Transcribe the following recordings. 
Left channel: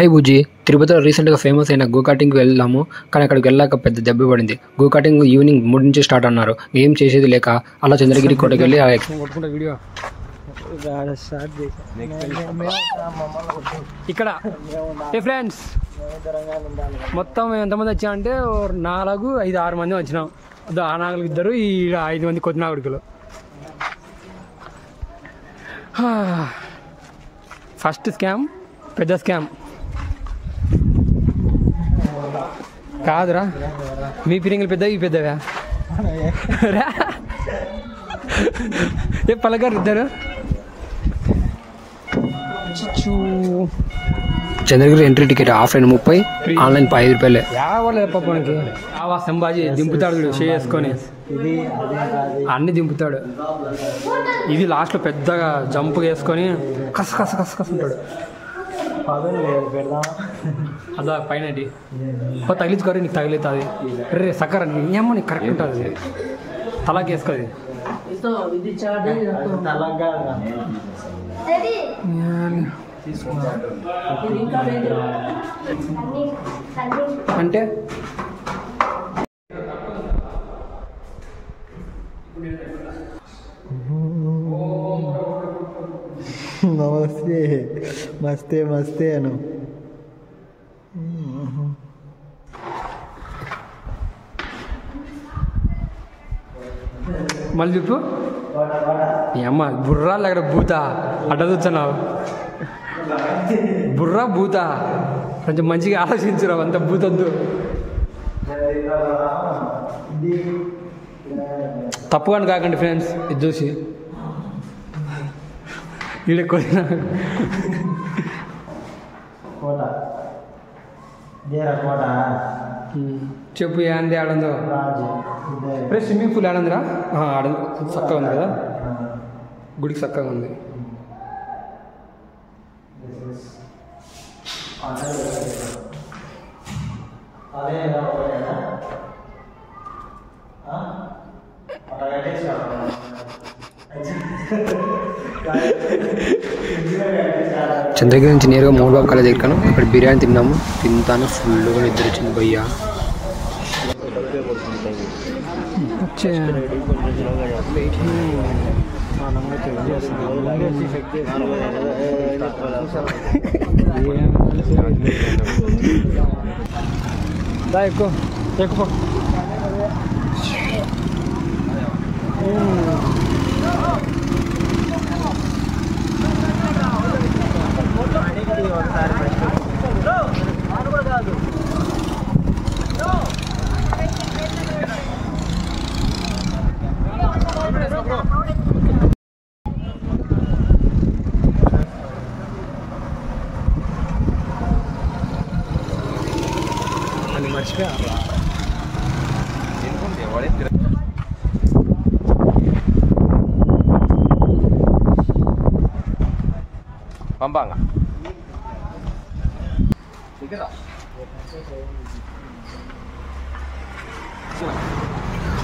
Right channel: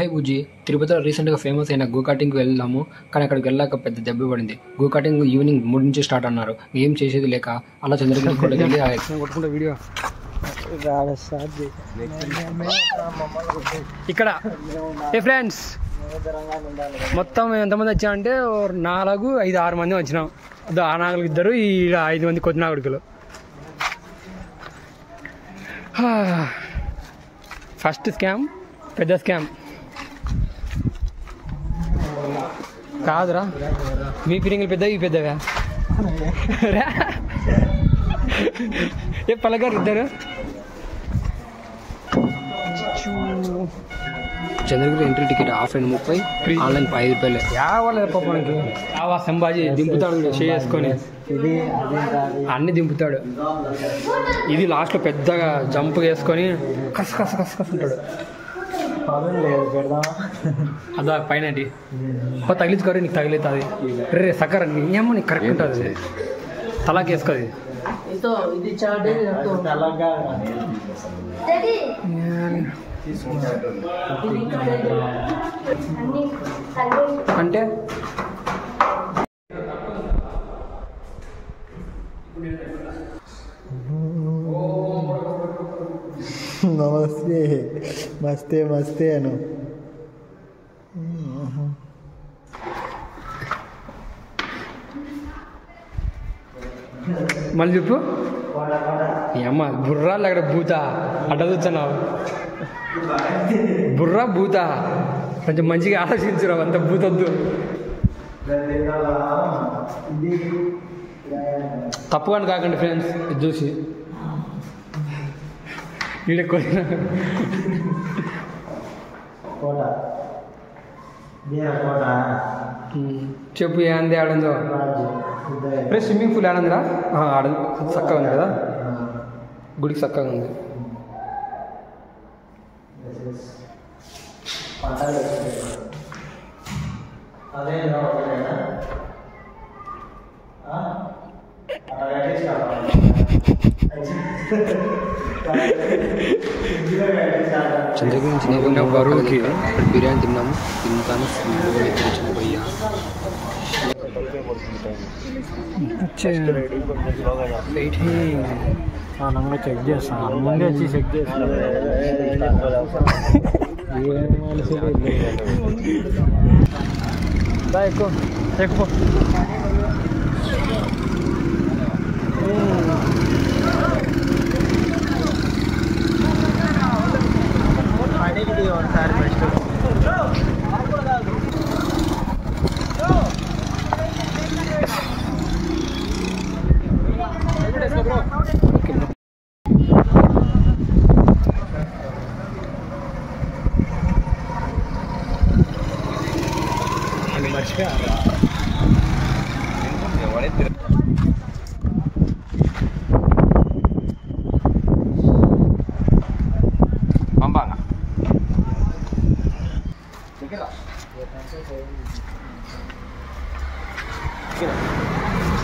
Hi బుజ్జి, తిరుపతిలో రీసెంట్గా famous అయిన గో కార్టింగ్కి వెళ్ళాము. కానీ అక్కడికి వెళ్ళాక పెద్ద దెబ్బ పడింది. గో కార్టింగ్ ఈవినింగ్ 3 నుంచి స్టార్ట్ అన్నారు. ఏం చేసేది లేక అలా చంద్రగిరి కోటకి వెళ్ళి కొట్టుకుంటే వీడియో ఇక్కడ ఫ్రెండ్స్ మొత్తం ఎంతమంది వచ్చామంటే 4, 5, 6 మంది వచ్చినాం. ఆ నాగలికి 2, ఈ 5 మంది కొద్ది నాగుడికలు. ఫస్ట్ స్కామ్, పెద్ద స్కామ్ కాదురా. మీ ఫిరింగులు పెద్దవి, ఈ పెద్దగా ఏ పలగారు ఇద్దరు. Chandragiri entry ticket offline 30, online 5 రూపాయలే. సంబాజీ దింపుతాడు చేసుకొని, అన్ని దింపుతాడు. ఇది లాస్ట్లో పెద్దగా జంప్ వేసుకొని కస్ కస్ కస్ కస్ ఉంటాడు. అదా పైన తగిలించుకోరు, నీకు తగిలితుంది. రే సక్కర ఏమో నీకు కరెక్ట్ ఉంటుంది. తలాకి వేసుకోది అంటే నమస్తే, మస్తే మస్తే అను. మళ్ళీ చెప్పు. అమ్మ బుర్రాలు అక్కడ భూత అడ్డ చూస్తున్నావు. బుర్రా భూత, కొంచెం మంచిగా ఆలోచించురావు. అంత భూతొద్దు. తప్పు అని కాకండి ఫ్రెండ్స్. ఇది చూసి వీళ్ళ చెప్పు ఏంది ఆడందో. రే స్విమ్మింగ్ పూల్ ఆడందిరా. ఆడ చక్కగా ఉంది కదా, గుడికి చక్కగా ఉంది. చంద్రగిరి నుంచి నేరుగా 3 ఒక్కల దగ్గర ఇక్కడ బిర్యానీ తింటాను. ఫుల్గా నిద్ర వచ్చింది భయ్యా. ఎక్కువ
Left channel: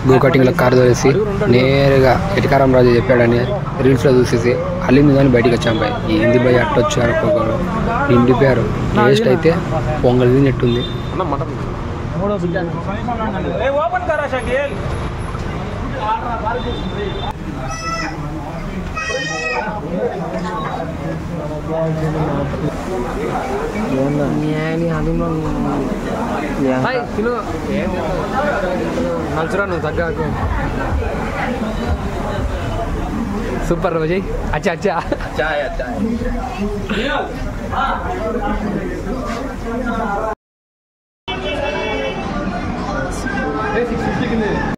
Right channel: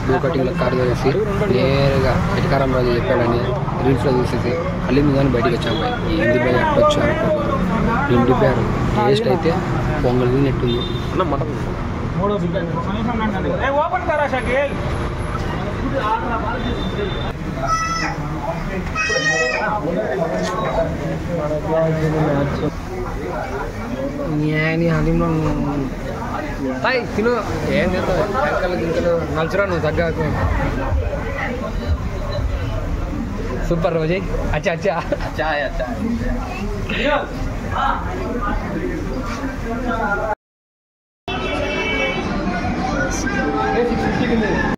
గో కటింగ్లో కారు తోలేసి నేరుగా ఎటకారం రాజు చెప్పాడని రీల్స్లో చూసేసి అల్లింది కానీ బయటకు వచ్చాం. బాయ్ ఏంది బాయ్ అట్ట వచ్చారు అనుకోను. నిండిపోయారు. టేస్ట్ అయితే పొంగల్ తిన్నట్టుంది. తిను నలుచురా నువ్వు తగ్గకు. సూపర్ రోజు. అచ్చా అచ్చా